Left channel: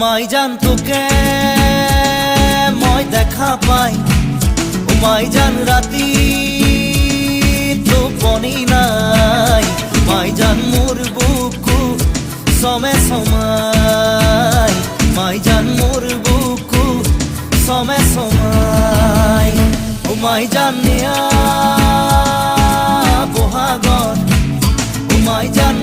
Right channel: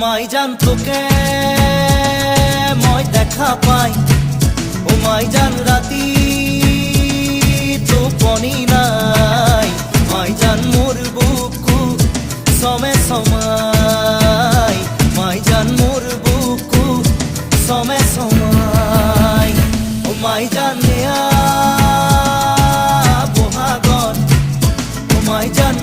মাই জান তোকে মই দেখা পাই, ও মাই জান রাতি টোপনি নাই, মাই জান মোর বুকু সমে সমাই, মাই জান মোর বুকু সমে সমাই। ও মাই জান নেয়া বহাগর, ও মাই জান